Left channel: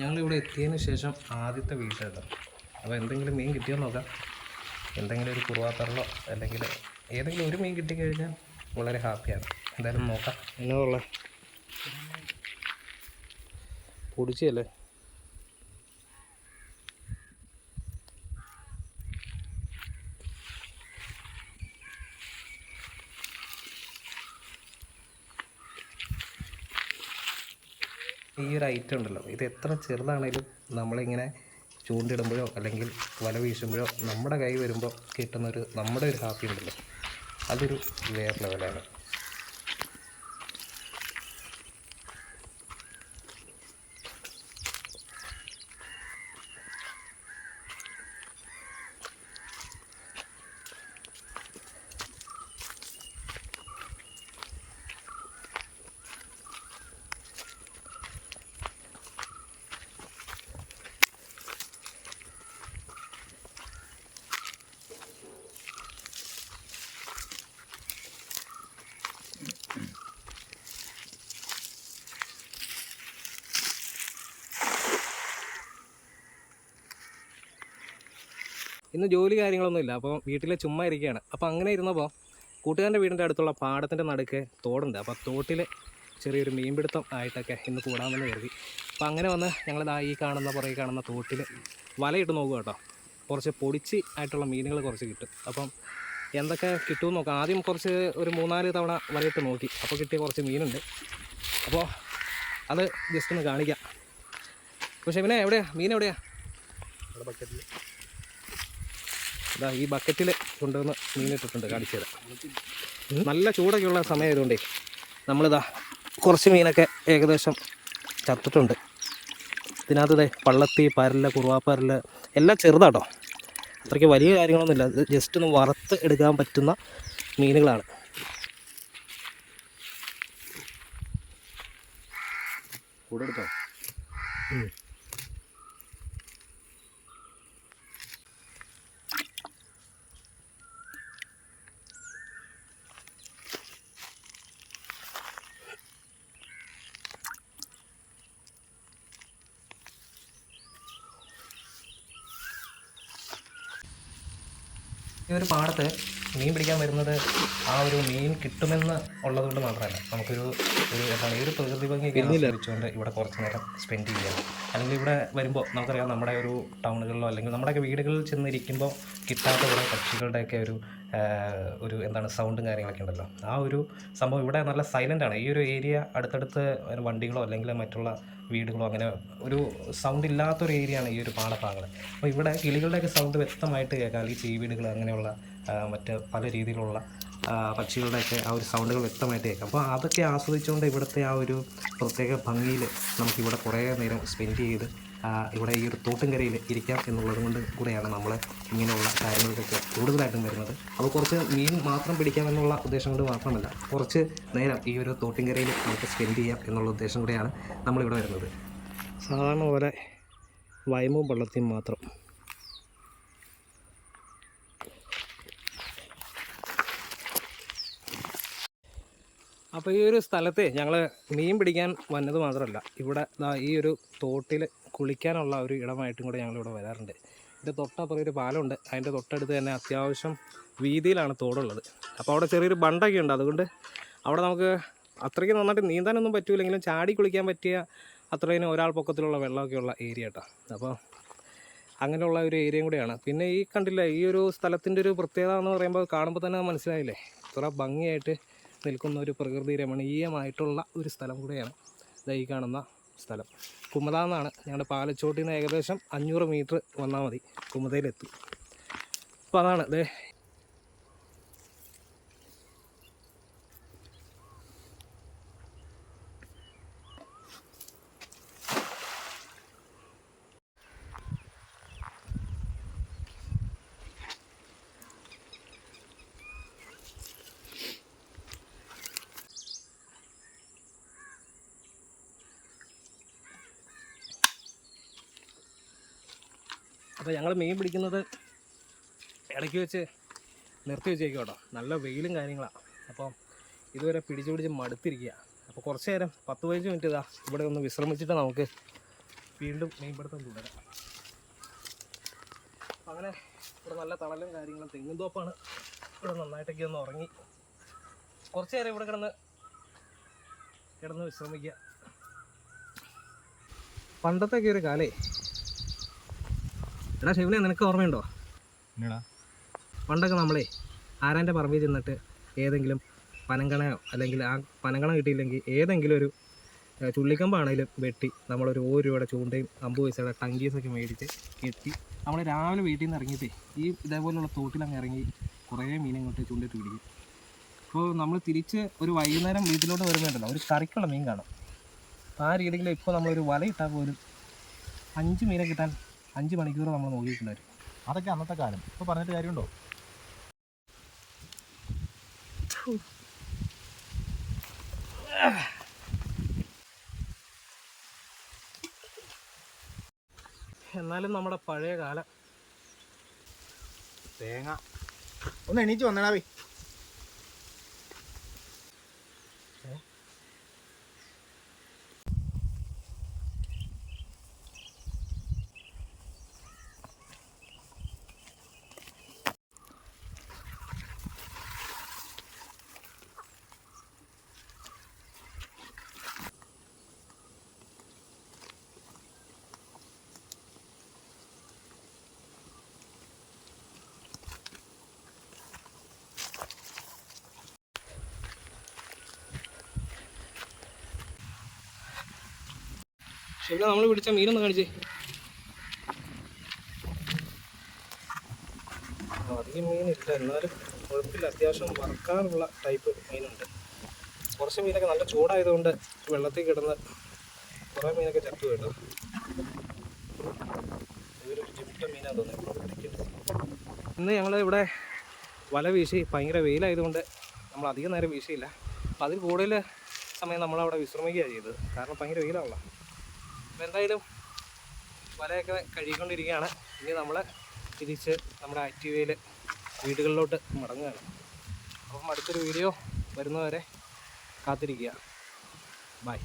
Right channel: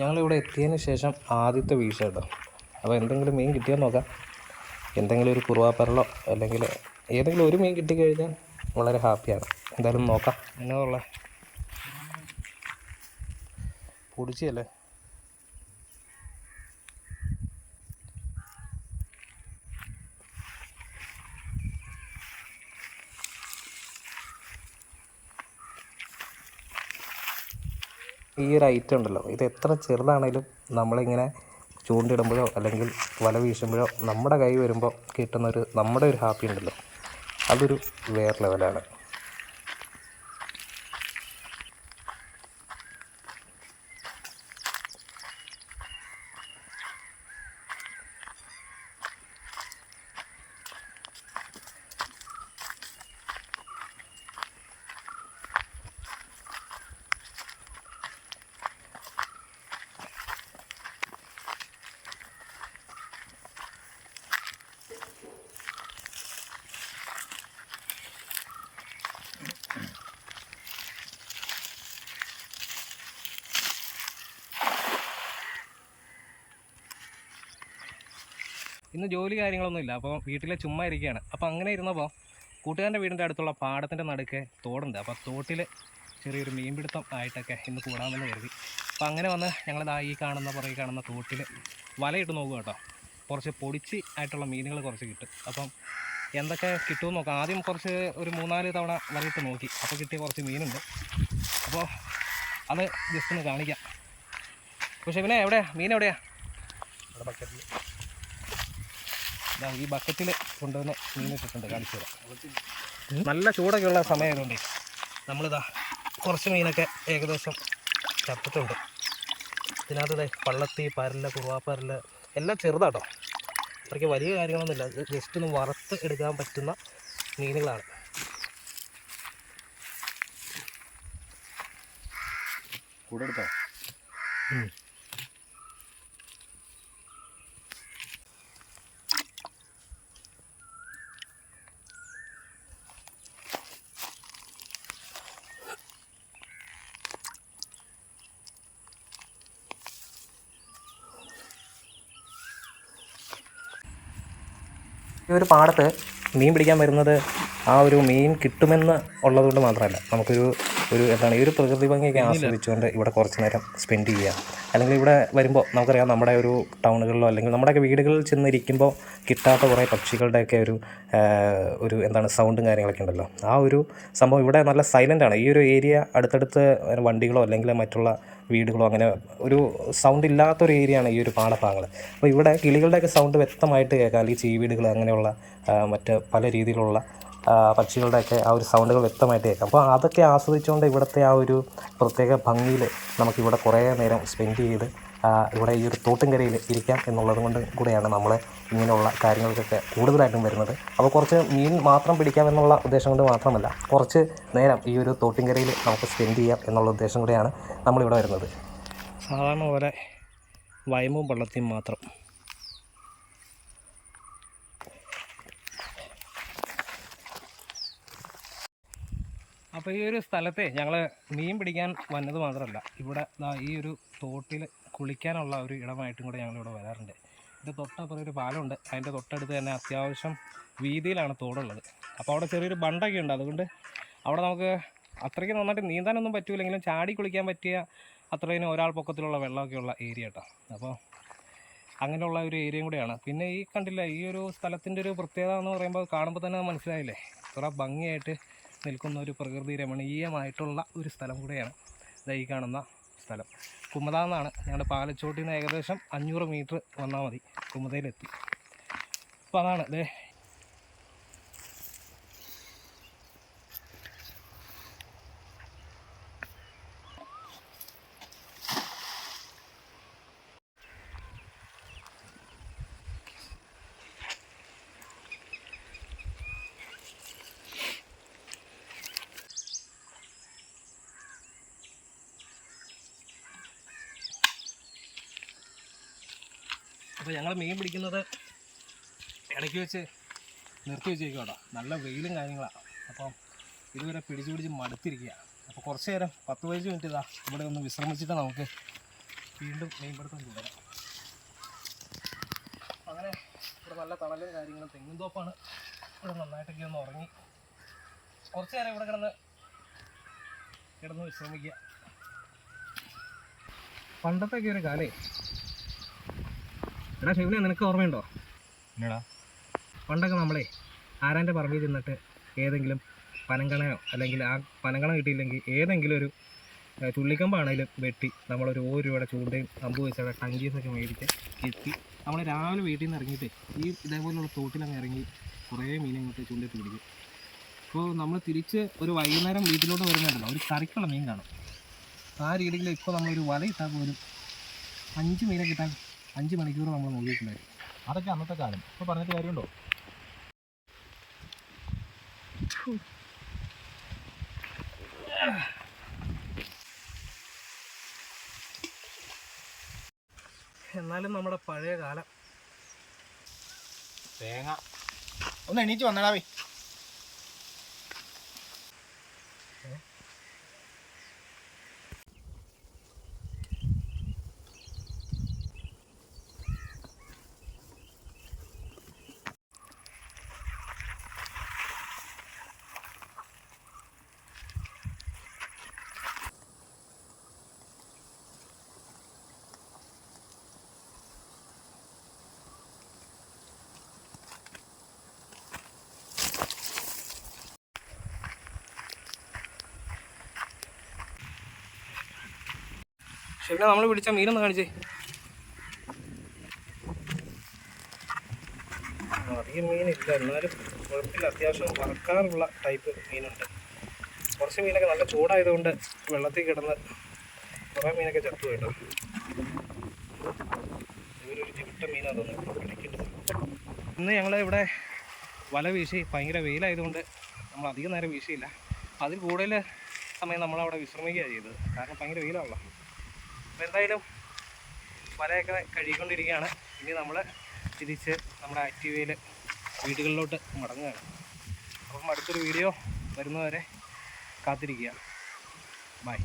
ഞങ്ങളിവിടെ എത്തിയതിന് ശേഷം ആദ്യത്തെ വീഴ്ച കേട്ടോ. അപ്പോൾ എന്തെങ്കിലും മീൻ കിട്ടിയോ നോക്കാം. എന്തെങ്കിലും ഒരു കുറുവാപ്പരളോ അല്ലെങ്കിൽ ഏതെങ്കിലും ഒരു മീൻ കിട്ടിക്കഴിഞ്ഞാൽ വളരെ ഹാപ്പിയാണ്. എന്തായാലും നോക്കാം. എന്നതുള്ള പൊടിച്ചല്ലേ. ഈ ഒരു ഐറ്റം ഉണ്ടല്ലോ, ഇത് എത്ര ചെറുതാണേലും നമ്മളിങ്ങനെ ചൂണ്ടിടുമ്പോഴോ അല്ലെങ്കിൽ വല വീശുമ്പോഴോ നമ്മുടെ കൈ വരുമ്പോൾ കിട്ടുന്നൊരു നമ്മുടെ ഒരു ഹാപ്പി ഉണ്ടല്ലോ, അതൊരു വേറെ ലെവലാണ്. ഇന്ന് ജോലി കാര്യങ്ങളൊന്നുമില്ല, അപ്പോൾ വീട്ടിൽ ചുമ്മാ ഇരിക്കുകയാണ്. അപ്പോൾ അങ്ങനെ ഇരുന്നപ്പോൾ കൂട്ടുകാരൻ്റെ വീടിൻ്റെ അടുത്തുള്ള പാടത്തിൻ്റെ നടുക്ക് തോടുണ്ട്. അപ്പോൾ തോട്ടിൽ ചെറിയൊരു മീൻപിടുത്തം ആയിട്ടൊക്കെ ഇന്ന് കൂടാമെന്ന് കരുതി. അപ്പോൾ അങ്ങനെ വന്ന് ഞങ്ങളിതാ ഈ പുറകെ കാണുന്ന തോട്ടിൽ വലയിട്ട് നോക്കുക കേട്ടോ. കുറച്ച് പൊടിച്ച് ആയിട്ടുള്ള മീനുകൾ കുറച്ച് കിട്ടും. അപ്പം എന്തൊക്കെ കിട്ടുമെന്ന് നോക്കാം. ആദ്യം ഒരു 3-4 തവണ വലയിട്ട് നോക്കി. അപ്പോൾ കിട്ടിയ കുറച്ച് മീനുണ്ട്. അപ്പോൾ അത് ജസ്റ്റ് ഒന്ന് കാണിക്കാം. പക്ഷേ പിന്നെ മീൻ എവിടെയാണ്? അവിടെ ബക്കറ്റിൽ. ഈ ബക്കറ്റിൽ കൊണ്ടുവന്ന് മീനിട്ടിട്ടുണ്ട്, കാണിച്ചു തരാം. നല്ല ചൂടൊക്കെയുള്ള സമയമായതുകൊണ്ടേ നമ്മളിതാ കുറച്ച് മീനൊക്കെ ഏകദേശം ചത്തിട്ടുണ്ട്. ഇതിനകത്ത് പള്ളത്തി, പരല്, കുറുവാപ്പരല് എല്ലാം ചെറുതാട്ടോ. അത്രയ്ക്ക് വലിയ കാര്യങ്ങളൊന്നുമില്ല. ഇത് ജസ്റ്റ് ഒന്ന് വറുത്ത് എടുക്കാൻ പറ്റുന്ന മീനുകളാണ്. കൂടെ എടുത്തോ? ഈ ഒരു പാടത്ത് മീൻ പിടിക്കാൻ വരുന്നത് ആ ഒരു മീൻ കിട്ടുമെന്ന് ഉള്ളതുകൊണ്ട് മാത്രമല്ല, നമുക്കൊരു ഈ ഒരു പ്രകൃതി ഭംഗിയൊക്കെ ആസ്വദിച്ചുകൊണ്ട് ഇവിടെ കുറച്ച് നേരം സ്പെൻഡ് ചെയ്യാം. അല്ലെങ്കിൽ ഇവിടെ വരുമ്പോൾ നമുക്കറിയാം, നമ്മുടെ ഒരു ടൗണുകളിലോ അല്ലെങ്കിൽ നമ്മുടെയൊക്കെ വീടുകളിൽ ചെന്നിരിക്കുമ്പോൾ കിട്ടാത്ത കുറേ പക്ഷികളുടെയൊക്കെ ഒരു സൗണ്ടും കാര്യങ്ങളൊക്കെ ഉണ്ടല്ലോ. ആ ഒരു സംഭവം ഇവിടെ നല്ല സൈലൻ്റാണ്. ഈ ഒരു ഏരിയ അടുത്തടുത്ത് വണ്ടികളോ അല്ലെങ്കിൽ മറ്റുള്ള വീടുകളോ അങ്ങനെ ഒരു സൗണ്ട് ഇല്ലാത്തൊരു ഏരിയയാണ് ഈ ഒരു പാടഭാഗങ്ങൾ. അപ്പോൾ ഇവിടെ കിളികളുടെയൊക്കെ സൗണ്ട് വ്യക്തമായിട്ട് കേൾക്കാം. അല്ലെങ്കിൽ ചീവീടുകൾ അങ്ങനെയുള്ള മറ്റ് പല രീതിയിലുള്ള പക്ഷികളുടെയൊക്കെ ആ ഒരു സൗണ്ടുകൾ വ്യക്തമായിട്ട് കേൾക്കാം. അപ്പോൾ അതൊക്കെ ആസ്വദിച്ചുകൊണ്ട് ഇവിടുത്തെ ആ ഒരു പ്രത്യേക ഭംഗിയിൽ നമുക്കിവിടെ കുറേ നേരം സ്പെൻഡ് ചെയ്ത് ഇവിടെ ഈ ഒരു തോട്ടുംകരയിൽ ഇരിക്കാം എന്നുള്ളത് കൊണ്ട് കൂടെയാണ് നമ്മൾ ഇങ്ങനെയുള്ള കാര്യങ്ങൾക്കൊക്കെ കൂടുതലായിട്ടും വരുന്നത്. അപ്പോൾ കുറച്ച് മീൻ മാത്രം പിടിക്കാമെന്നുള്ള ഉദ്ദേശം കൊണ്ട് മാത്രമല്ല, കുറച്ച് നേരം ഈ ഒരു തോട്ടുംകരയിൽ നമുക്ക് സ്പെൻഡ് ചെയ്യാം എന്നുള്ള ഉദ്ദേശം കൂടെയാണ് നമ്മളിവിടെ വരുന്നത്. സാധാരണ പോലെ വയമ്പും പള്ളത്തിയും മാത്രം. അപ്പോൾ ഈ ഒരു സ്ഥലത്തെ ഞങ്ങൾ മീൻ പിടിക്കാൻ വന്നത് മാത്രമല്ല, ഇവിടെ ഈ ഒരു തോട്ടിൽ കുളിക്കാനുള്ള ഒരു ഇടമായിട്ടും കൂടെ ഞങ്ങളിവിടെ വരാറുണ്ട്. ഇതിൻ്റെ തൊട്ടപ്പുറം ഒരു പാലമുണ്ട്. അതിൻ്റെ തൊട്ടടുത്ത് തന്നെ അത്യാവശ്യം വീതിയിലാണ് തോടുള്ളത്. അപ്പോൾ അവിടെ ചെറിയൊരു ബണ്ടൊക്കെ ഉണ്ട്. അതുകൊണ്ട് അവിടെ നമുക്ക് അത്രയ്ക്ക് നന്നായിട്ട് നീന്താനൊന്നും പറ്റില്ലെങ്കിലും ചാടി കുളിക്കാൻ പറ്റിയ അത്രയും ഒരാൾ പൊക്കത്തിലുള്ള വെള്ളമൊക്കെയുള്ള ഏരിയ കേട്ടോ. അപ്പോൾ അങ്ങനെയുള്ള ഒരു ഏരിയയും കൂടെയാണ്. പിന്നെ ഈ കണ്ടില്ല, ഈ ഒരു സ്ഥലത്തിൻ്റെ ഒരു പ്രത്യേകത എന്ന് പറയുമ്പോൾ കാണുമ്പോൾ തന്നെ മനസ്സിലായില്ലേ, ഇത്ര ഭംഗിയായിട്ട് നിൽക്കുന്ന ഒരു പ്രകൃതി രമണീയമായിട്ടുള്ള ഒരു സ്ഥലം കൂടെയാണ് ഈ കാണുന്ന സ്ഥലം. കുമത എന്നാണ്. ഞങ്ങളുടെ പാലച്ചോട്ടിൽ നിന്ന് ഏകദേശം 500 മീറ്റർ വന്നാൽ മതി കുമതയിലെത്തി. അപ്പോൾ അതാണ് അപ്പോൾ ഞങ്ങൾ മീൻ പിടിക്കുന്നത് ഇടയ്ക്ക് വെച്ച് നിർത്തി വെച്ചേക്കും കേട്ടോ. നല്ല വെയിലും കാര്യങ്ങളാണ്. അപ്പം ഇതുവരെ പിടിച്ച് മടുത്തിരിക്കുക. അപ്പോൾ കുറച്ച് നേരം 10-15 മിനിറ്റ് ഇവിടെ ഒന്ന് വിശ്രമിച്ചിട്ട് നമുക്ക് വീണ്ടും മീൻപിടുത്തം തുടരാം. അങ്ങനെ ഇവിടെ നല്ല തണലും കാര്യങ്ങളും, തെങ്ങും തോപ്പാണ്. ഇവിടെ നന്നായിട്ടൊക്കെ ഒന്ന് ഉറങ്ങി കുറച്ച് നേരം ഇവിടെ കിടന്ന് വിശ്രമിക്കുക. പണ്ടത്തൊക്കെ ഒരു കാലേ. എടാ ഷിവനെ, നിനക്ക് ഓർമ്മയുണ്ടോ? എന്നടാ പണ്ടൊക്കെ നമ്മളെ ആരാൻ്റെ പറമ്പിൽ ചെന്നിട്ട് ഏതെങ്കിലും പനങ്കണയോ അല്ലെങ്കിൽ ആ പനങ്കണ കിട്ടിയില്ലെങ്കിൽ ഏതെങ്കിലും ഒരു ചുള്ളിക്കമ്പാണേലും വെട്ടി നമ്മളൊരു 1 രൂപയുടെ ചൂണ്ടയും 50 പൈസയുടെ ടങ്കീസൊക്കെ മേടിച്ച് എത്തി നമ്മൾ രാവിലെ വീട്ടിൽ നിന്ന് ഇറങ്ങിയിട്ടേ ഈ ഇതേപോലെയുള്ള തോട്ടിലങ്ങ് ഇറങ്ങി കുറേ മീനിങ്ങോട്ട് ചൂണ്ടിട്ട് പിടിക്കും. അപ്പോൾ നമ്മൾ തിരിച്ച് ഒരു വൈകുന്നേരം വീട്ടിലോട്ട് വരുന്നുണ്ടല്ലോ, ഒരു കറിക്കുള്ള മീൻ കാണും. ആ രീതിയിൽ ഇപ്പോൾ നമ്മളൊരു വല ഇട്ടാൽ പോലും 5 മീനെ കിട്ടാൻ 5 മണിക്കൂർ നമ്മൾ നോക്കിയിട്ടുണ്ടായിരുന്നു. അതൊക്കെ അന്നത്തെ കാലം. ഇപ്പോൾ പറഞ്ഞിട്ട് കാര്യമുണ്ടോ? എന്നാലും നമ്മുടെ പഴയ കാലം. തേങ്ങ ഒന്ന് എണീച്ച് വന്നടാ പോയി. ഷിവനെ, നമ്മൾ പിടിച്ച മീനൊന്ന് കാണിച്ചേ. അധികം മീനില്ല, എന്നാലും കുഴപ്പമില്ല. അത്യാവശ്യം വറക്കാറുള്ള ടൈപ്പ് മീനുണ്ട്. കുറച്ച് മീനൊക്കെ നല്ല ചൂടായതുകൊണ്ട് വെള്ളത്തിൽ കിടന്ന് കുറേ മീനൊക്കെ ചത്തു കേട്ടോ. ഇവരൊരു ജിമിട്ട മീനാണ് തോന്നുന്നു കിടക്കിട്ട്. ഇന്ന് ഞങ്ങൾ ഇവിടെ വല വീശി, ഭയങ്കര വെയിലായതുകൊണ്ട് നമ്മൾ അധികം നേരം വീശിയില്ല. അതിൽ കൂടുതൽ സമയം നമ്മളവിടെ വിശ്രമിക്കുകയാണ് ചെയ്തത്, കാരണം ഭയങ്കര വെയിലാണല്ലോ. അപ്പോൾ എന്തായാലും വലയൊക്കെ കഴുകിക്കൊണ്ടിരിക്കുകയാണ്. ഇനി നമ്മൾ തിരിച്ച് നമ്മുടെ ആക്റ്റീവയിൽ വീടുകളിലോട്ട് മടങ്ങുകയാണ്. അപ്പം അടുത്തൊരു വീഡിയോ വരുന്നവരെ കാത്തിരിക്കുക. ബൈ.